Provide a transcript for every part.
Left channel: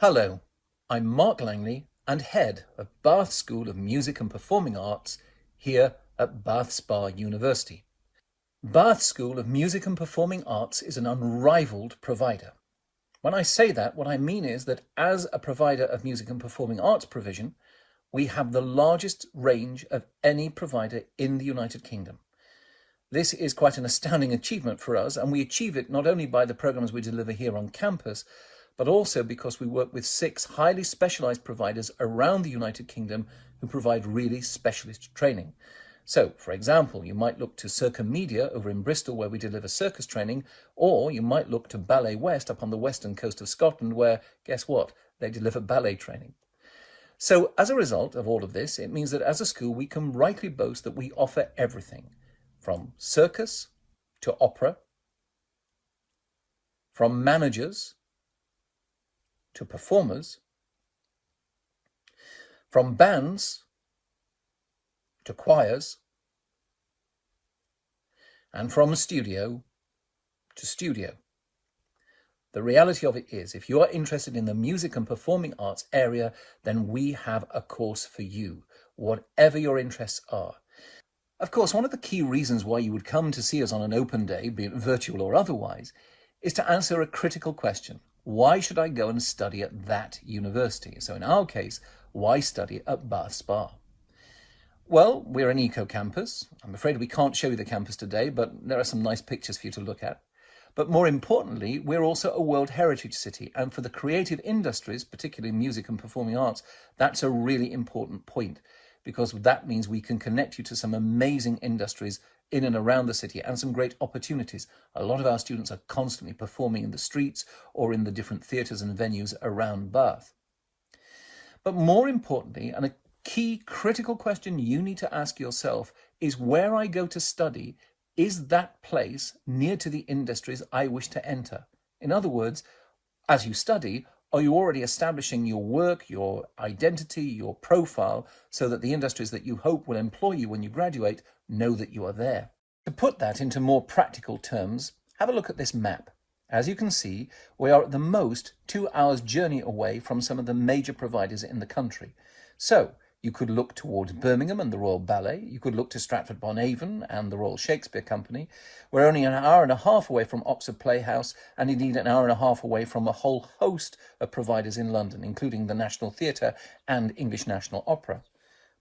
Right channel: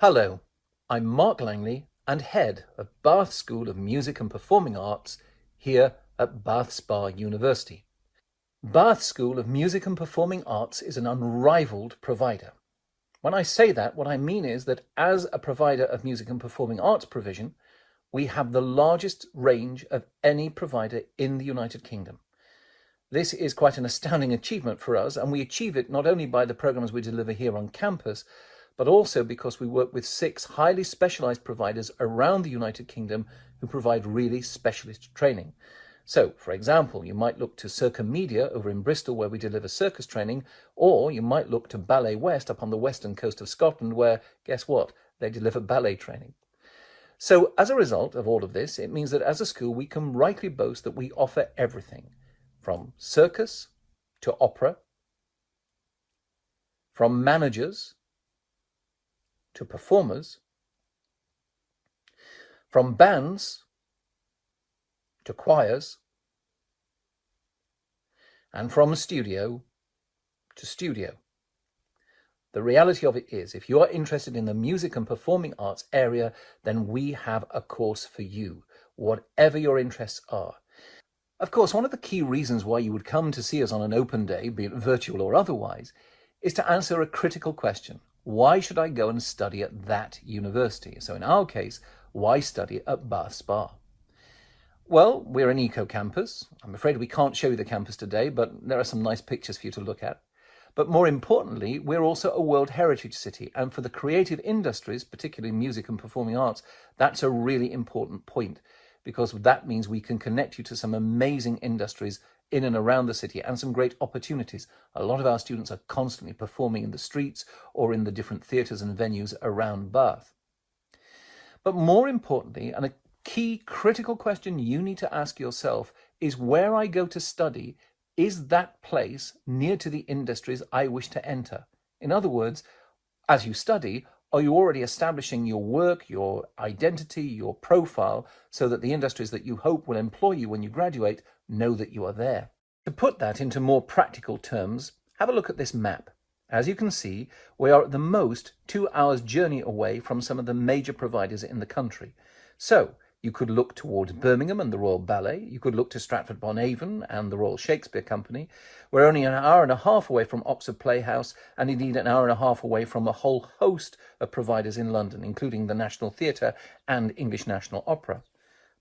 Hello, I'm Mark Langley and head of Bath School of Music and Performing Arts here at Bath Spa University. Bath School of Music and Performing Arts is an unrivaled provider. When I say that, what I mean is that as a provider of music and performing arts provision, we have the largest range of any provider in the United Kingdom. This is quite an astounding achievement for us, and we achieve it not only by the programs we deliver here on campus, but also because we work with 6 highly specialised providers around the United Kingdom who provide really specialist training. So, for example, you might look to Circa Media over in Bristol, where we deliver circus training, or you might look to Ballet West up on the western coast of Scotland, where, guess what, they deliver ballet training. So, as a result of all of this, it means that as a school we can rightly boast that we offer everything, from circus to opera, from managers to performers, from bands to choirs, and from studio to studio. The reality of it is, if you are interested in the music and performing arts area, then we have a course for you, whatever your interests are. Of course, one of the key reasons why you would come to see us on an open day, be it virtual or otherwise, is to answer a critical question. Why should I go and study at that university? So in our case, why study at Bath Spa? Well, we're an eco-campus. I'm afraid we can't show you the campus today, but there are some nice pictures for you to look at. But more importantly, we're also a World Heritage City. And for the creative industries, particularly music and performing arts, that's a really important point, because that means we can connect you to some amazing industries in and around the city and some great opportunities. A lot of our students are constantly performing in the streets or in the different theatres and venues around Bath. But more importantly, and a key critical question you need to ask yourself, is where I go to study, is that place near to the industries I wish to enter? In other words, as you study, are you already establishing your work, your identity, your profile, so that the industries that you hope will employ you when you graduate know that you are there? To put that into more practical terms, have a look at this map. As you can see, we are at the most 2 hours journey away from some of the major providers in the country. So you could look towards Birmingham and the Royal Ballet. You could look to Stratford-upon-Avon and the Royal Shakespeare Company. We're only an hour and a half away from Oxford Playhouse, and indeed an hour and a half away from a whole host of providers in London, including the National Theatre and English National Opera.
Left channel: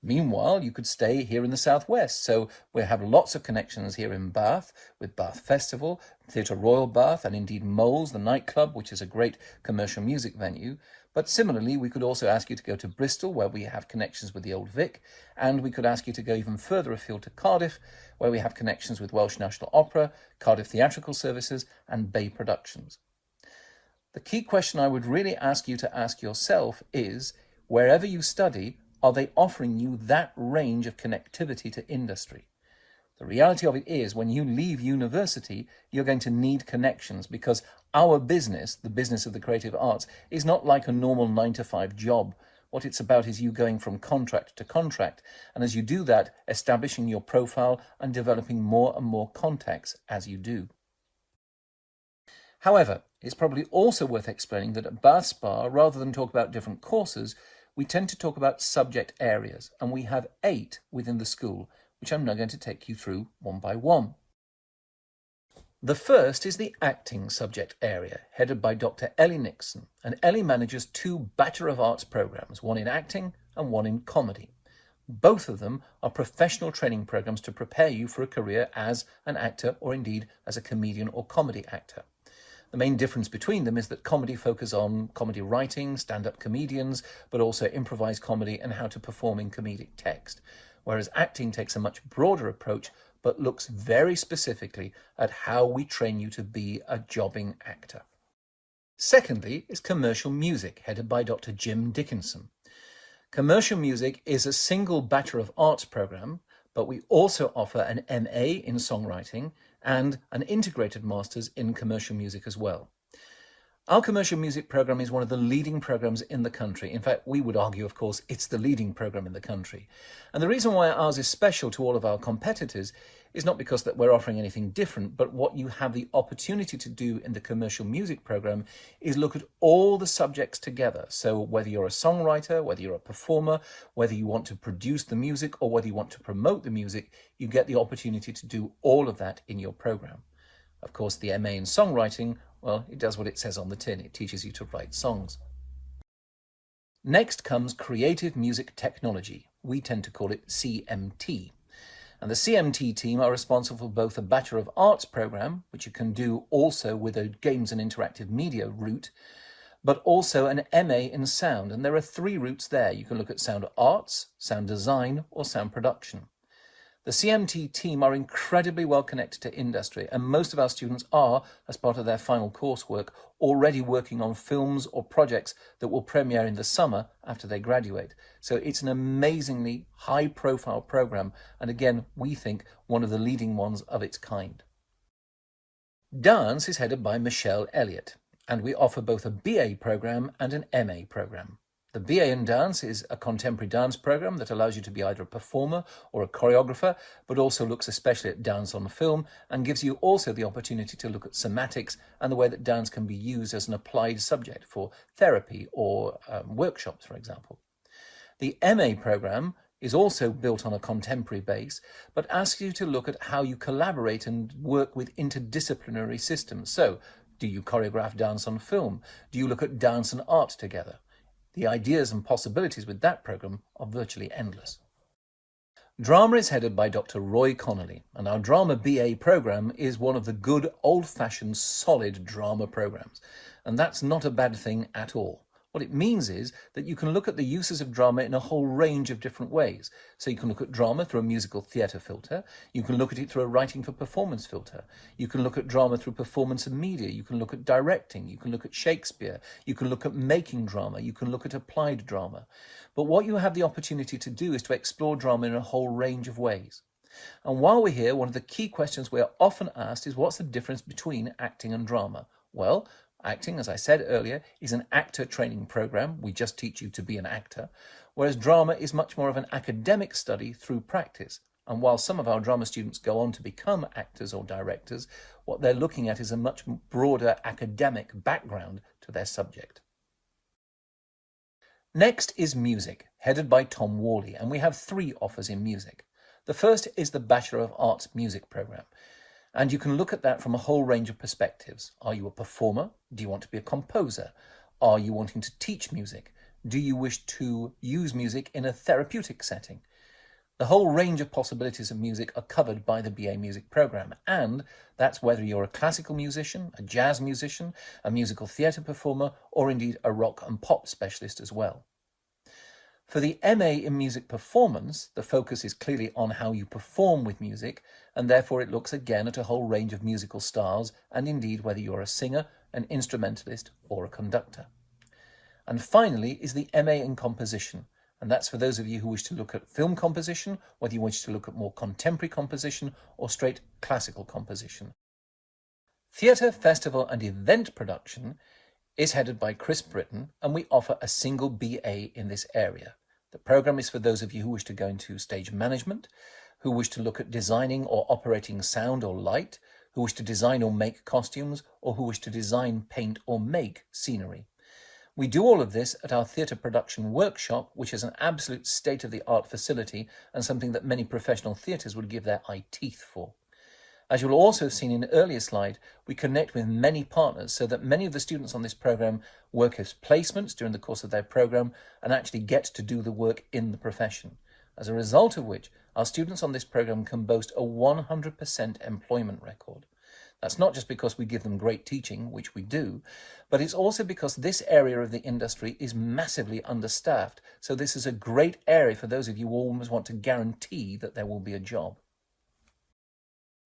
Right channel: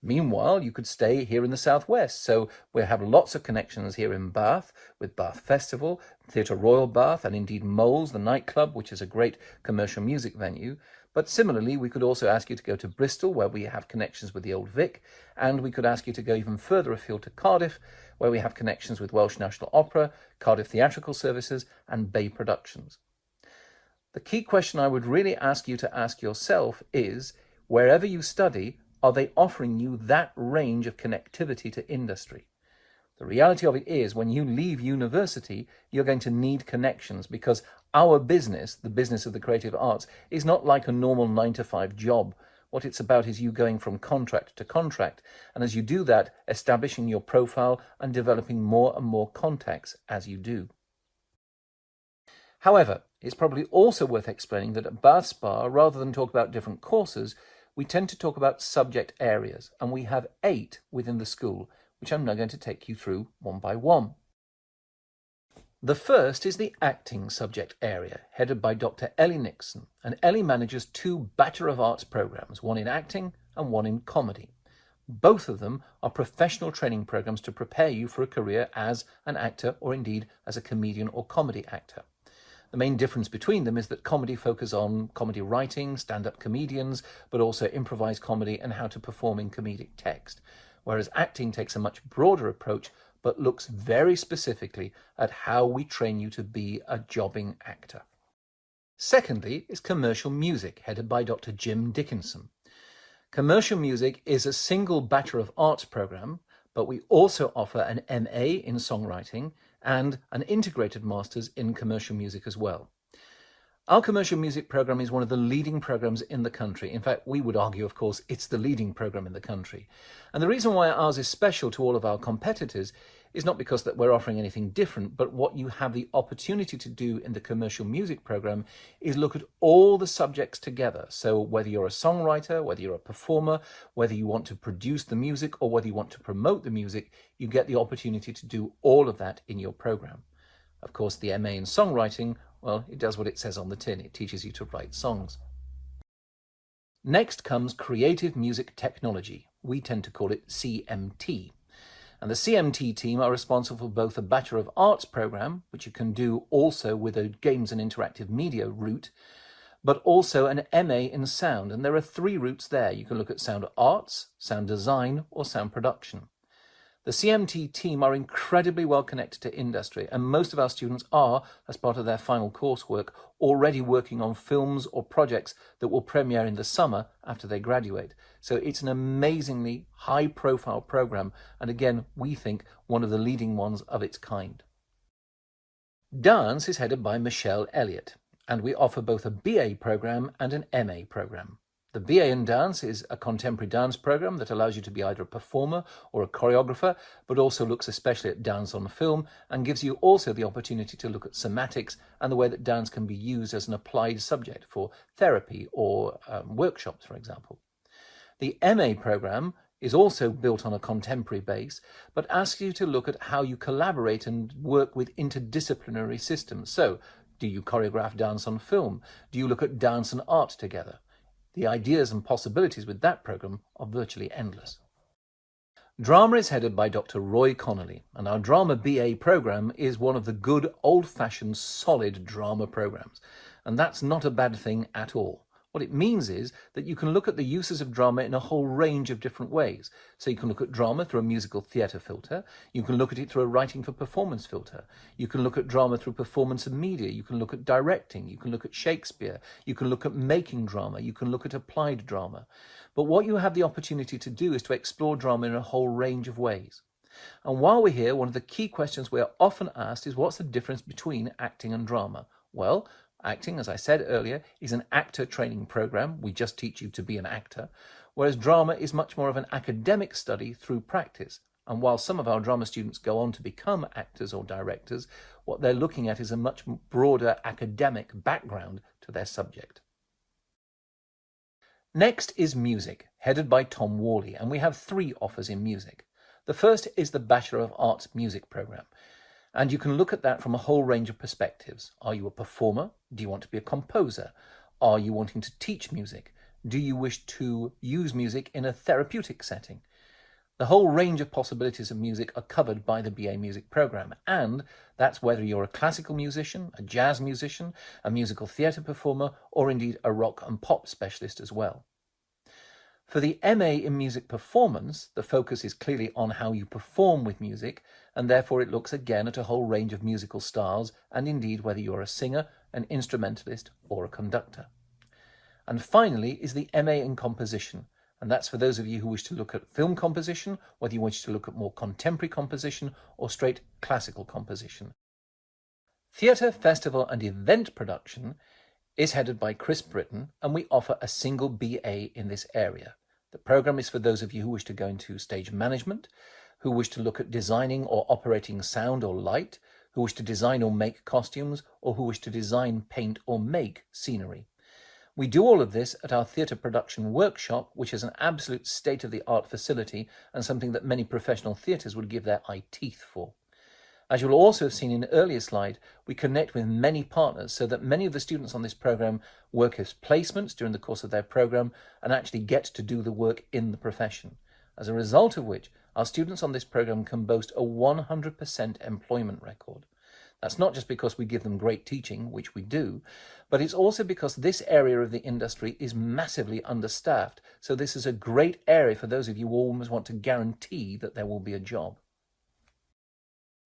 Meanwhile, you could stay here in the southwest, so we have lots of connections here in Bath with Bath Festival, Theatre Royal Bath, and indeed Moles, the nightclub, which is a great commercial music venue. But similarly, we could also ask you to go to Bristol, where we have connections with the Old Vic, and we could ask you to go even further afield to Cardiff, where we have connections with Welsh National Opera, Cardiff Theatrical Services, and Bay Productions. The key question I would really ask you to ask yourself is, wherever you study, are they offering you that range of connectivity to industry? The reality of it is, when you leave university, you're going to need connections, because our business, the business of the creative arts, is not like a normal 9-to-5 job. What it's about is you going from contract to contract, and as you do that, establishing your profile and developing more and more contacts as you do. However, it's probably also worth explaining that at Bath Spa, rather than talk about different courses, we tend to talk about subject areas, and we have 8 within the school, which I'm now going to take you through one by one. The first is the acting subject area, headed by Dr. Ellie Nixon, and Ellie manages 2 Bachelor of Arts programs, one in acting and one in comedy. Both of them are professional training programs to prepare you for a career as an actor, or indeed as a comedian or comedy actor. The main difference between them is that comedy focuses on comedy writing, stand-up comedians, but also improvised comedy and how to perform in comedic text, whereas acting takes a much broader approach, but looks very specifically at how we train you to be a jobbing actor. Secondly is commercial music, headed by Dr. Jim Dickinson. Commercial music is a single Bachelor of Arts program, but we also offer an MA in songwriting and an integrated master's in commercial music as well. Our commercial music program is one of the leading programs in the country. In fact, we would argue, of course, it's the leading program in the country. And the reason why ours is special to all of our competitors is not because that we're offering anything different, but what you have the opportunity to do in the commercial music program is look at all the subjects together. So whether you're a songwriter, whether you're a performer, whether you want to produce the music or whether you want to promote the music, you get the opportunity to do all of that in your program. Of course, the MA in songwriting, well, it does what it says on the tin. It teaches you to write songs. Next comes Creative Music Technology. We tend to call it CMT. And the CMT team are responsible for both a Bachelor of Arts program, which you can do also with a Games and Interactive Media route, but also an MA in sound. And there are 3 routes there. You can look at sound arts, sound design, or sound production. The CMT team are incredibly well connected to industry, and most of our students are, as part of their final coursework, already working on films or projects that will premiere in the summer after they graduate. So it's an amazingly high-profile program, and again, we think one of the leading ones of its kind. Dance is headed by Michelle Elliott, and we offer both a BA program and an MA program. The BA in Dance is a contemporary dance program that allows you to be either a performer or a choreographer, but also looks especially at dance on film and gives you also the opportunity to look at somatics and the way that dance can be used as an applied subject for therapy or workshops, for example. The MA program is also built on a contemporary base, but asks you to look at how you collaborate and work with interdisciplinary systems. So, do you choreograph dance on film? Do you look at dance and art together? The ideas and possibilities with that program are virtually endless. Drama is headed by Dr. Roy Connolly, and our Drama BA program is one of the good old-fashioned solid drama programs. And that's not a bad thing at all. What it means is that you can look at the uses of drama in a whole range of different ways. So you can look at drama through a musical theatre filter. You can look at it through a writing for performance filter. You can look at drama through performance and media. You can look at directing. You can look at Shakespeare. You can look at making drama. You can look at applied drama. But what you have the opportunity to do is to explore drama in a whole range of ways. And while we're here, one of the key questions we are often asked is, what's the difference between acting and drama? Well, acting, as I said earlier, is an actor training program. We just teach you to be an actor, whereas drama is much more of an academic study through practice. And while some of our drama students go on to become actors or directors, what they're looking at is a much broader academic background to their subject. Next is music, headed by Tom Worley, and we have 3 offers in music. The first is the Bachelor of Arts Music program. And you can look at that from a whole range of perspectives. Are you a performer? Do you want to be a composer? Are you wanting to teach music? Do you wish to use music in a therapeutic setting? The whole range of possibilities of music are covered by the BA Music program, and that's whether you're a classical musician, a jazz musician, a musical theatre performer, or indeed a rock and pop specialist as well. For the MA in Music Performance, the focus is clearly on how you perform with music, and therefore it looks again at a whole range of musical styles, and indeed whether you're a singer, an instrumentalist, or a conductor. And finally is the MA in Composition, and that's for those of you who wish to look at film composition, whether you wish to look at more contemporary composition or straight classical composition. Theatre, Festival and Event Production is headed by Chris Britton, and we offer a single BA in this area. The program is for those of you who wish to go into stage management, who wish to look at designing or operating sound or light, who wish to design or make costumes, or who wish to design, paint or make scenery. We do all of this at our theatre production workshop, which is an absolute state-of-the-art facility and something that many professional theatres would give their eye teeth for. As you'll also have seen in an earlier slide, we connect with many partners so that many of the students on this program work as placements during the course of their program and actually get to do the work in the profession. As a result of which, our students on this program can boast a 100% employment record. That's not just because we give them great teaching, which we do, but it's also because this area of the industry is massively understaffed. So this is a great area for those of you who always want to guarantee that there will be a job.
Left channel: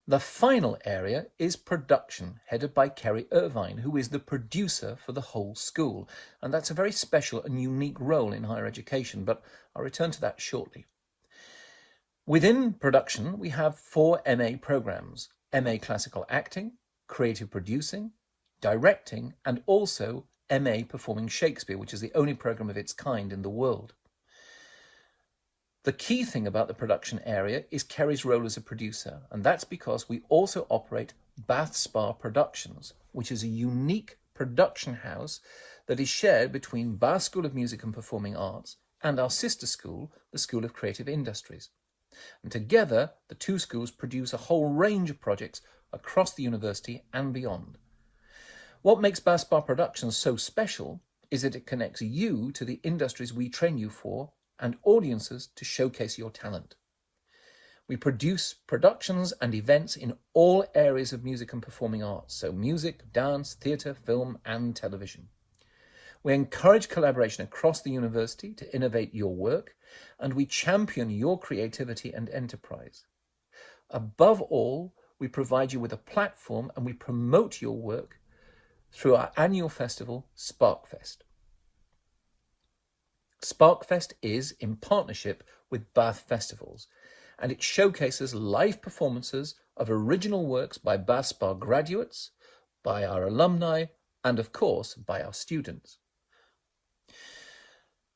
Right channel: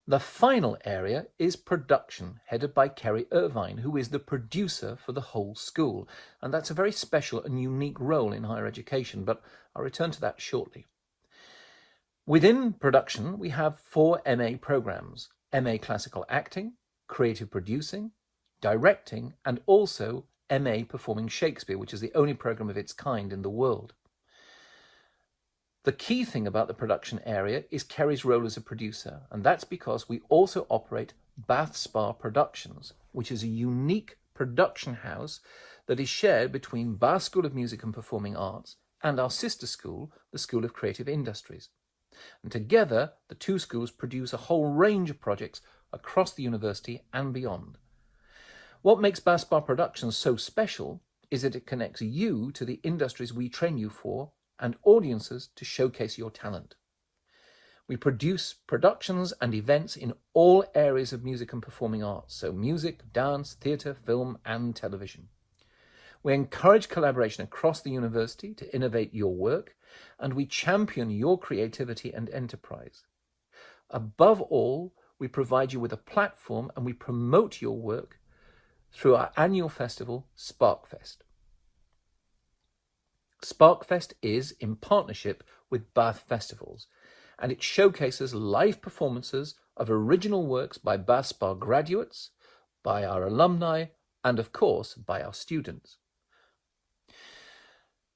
The final area is production, headed by Kerry Irvine, who is the producer for the whole school. And that's a very special and unique role in higher education, but I'll return to that shortly. Within production, we have 4 MA programs: MA Classical Acting, Creative Producing, Directing, and also MA Performing Shakespeare, which is the only program of its kind in the world. The key thing about the production area is Kerry's role as a producer, and that's because we also operate Bath Spa Productions, which is a unique production house that is shared between Bath School of Music and Performing Arts and our sister school, the School of Creative Industries. And together, the two schools produce a whole range of projects across the university and beyond. What makes Bath Spa Productions so special is that it connects you to the industries we train you for and audiences to showcase your talent. We produce productions and events in all areas of music and performing arts, so music, dance, theatre, film and television. We encourage collaboration across the university to innovate your work, and we champion your creativity and enterprise. Above all, we provide you with a platform and we promote your work through our annual festival, SparkFest. SparkFest is in partnership with Bath Festivals, and it showcases live performances of original works by Bath Spa graduates, by our alumni, and of course by our students.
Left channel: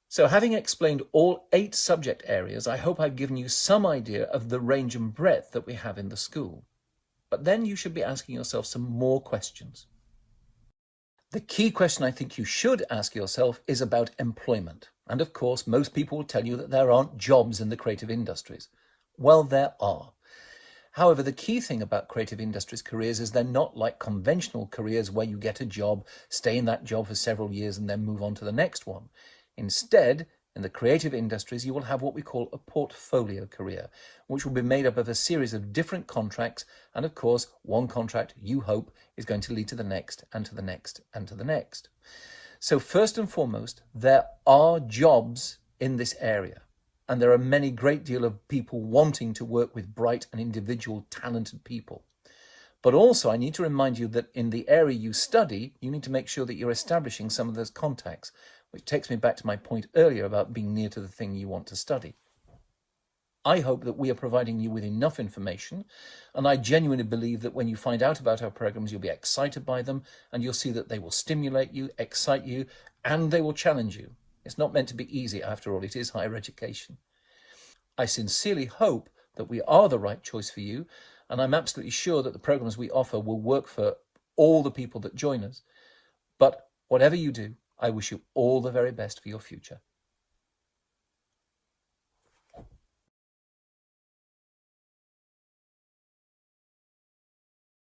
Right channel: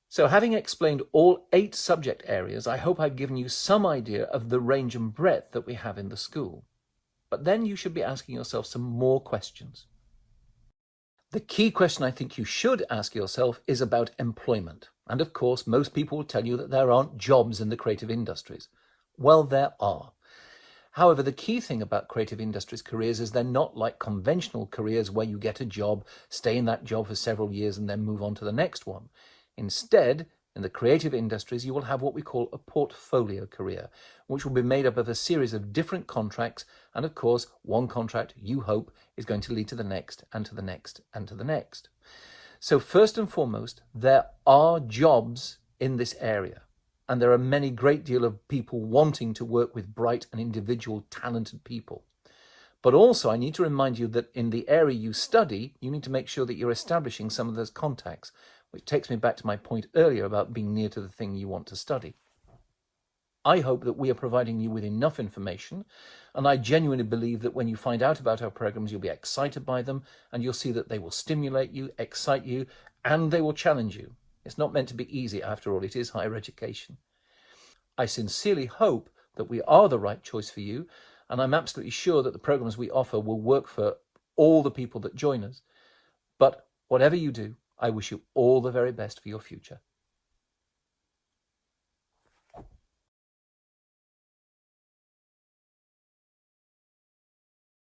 So having explained all 8 subject areas, I hope I've given you some idea of the range and breadth that we have in the school. But then you should be asking yourself some more questions. The key question I think you should ask yourself is about employment. And of course, most people will tell you that there aren't jobs in the creative industries. Well, there are. However, the key thing about creative industries careers is they're not like conventional careers where you get a job, stay in that job for several years and then move on to the next one. Instead, in the creative industries, you will have what we call a portfolio career, which will be made up of a series of different contracts. And of course, one contract, you hope, is going to lead to the next and to the next and to the next. So first and foremost, there are jobs in this area. And there are many great deal of people wanting to work with bright and individual talented people. But also I need to remind you that in the area you study, you need to make sure that you're establishing some of those contacts, which takes me back to my point earlier about being near to the thing you want to study. I hope that we are providing you with enough information, and I genuinely believe that when you find out about our programs, you'll be excited by them, and you'll see that they will stimulate you, excite you, and they will challenge you. It's not meant to be easy, after all, it is higher education. I sincerely hope that we are the right choice for you, and I'm absolutely sure that the programs we offer will work for all the people that join us. But whatever you do, I wish you all the very best for your future.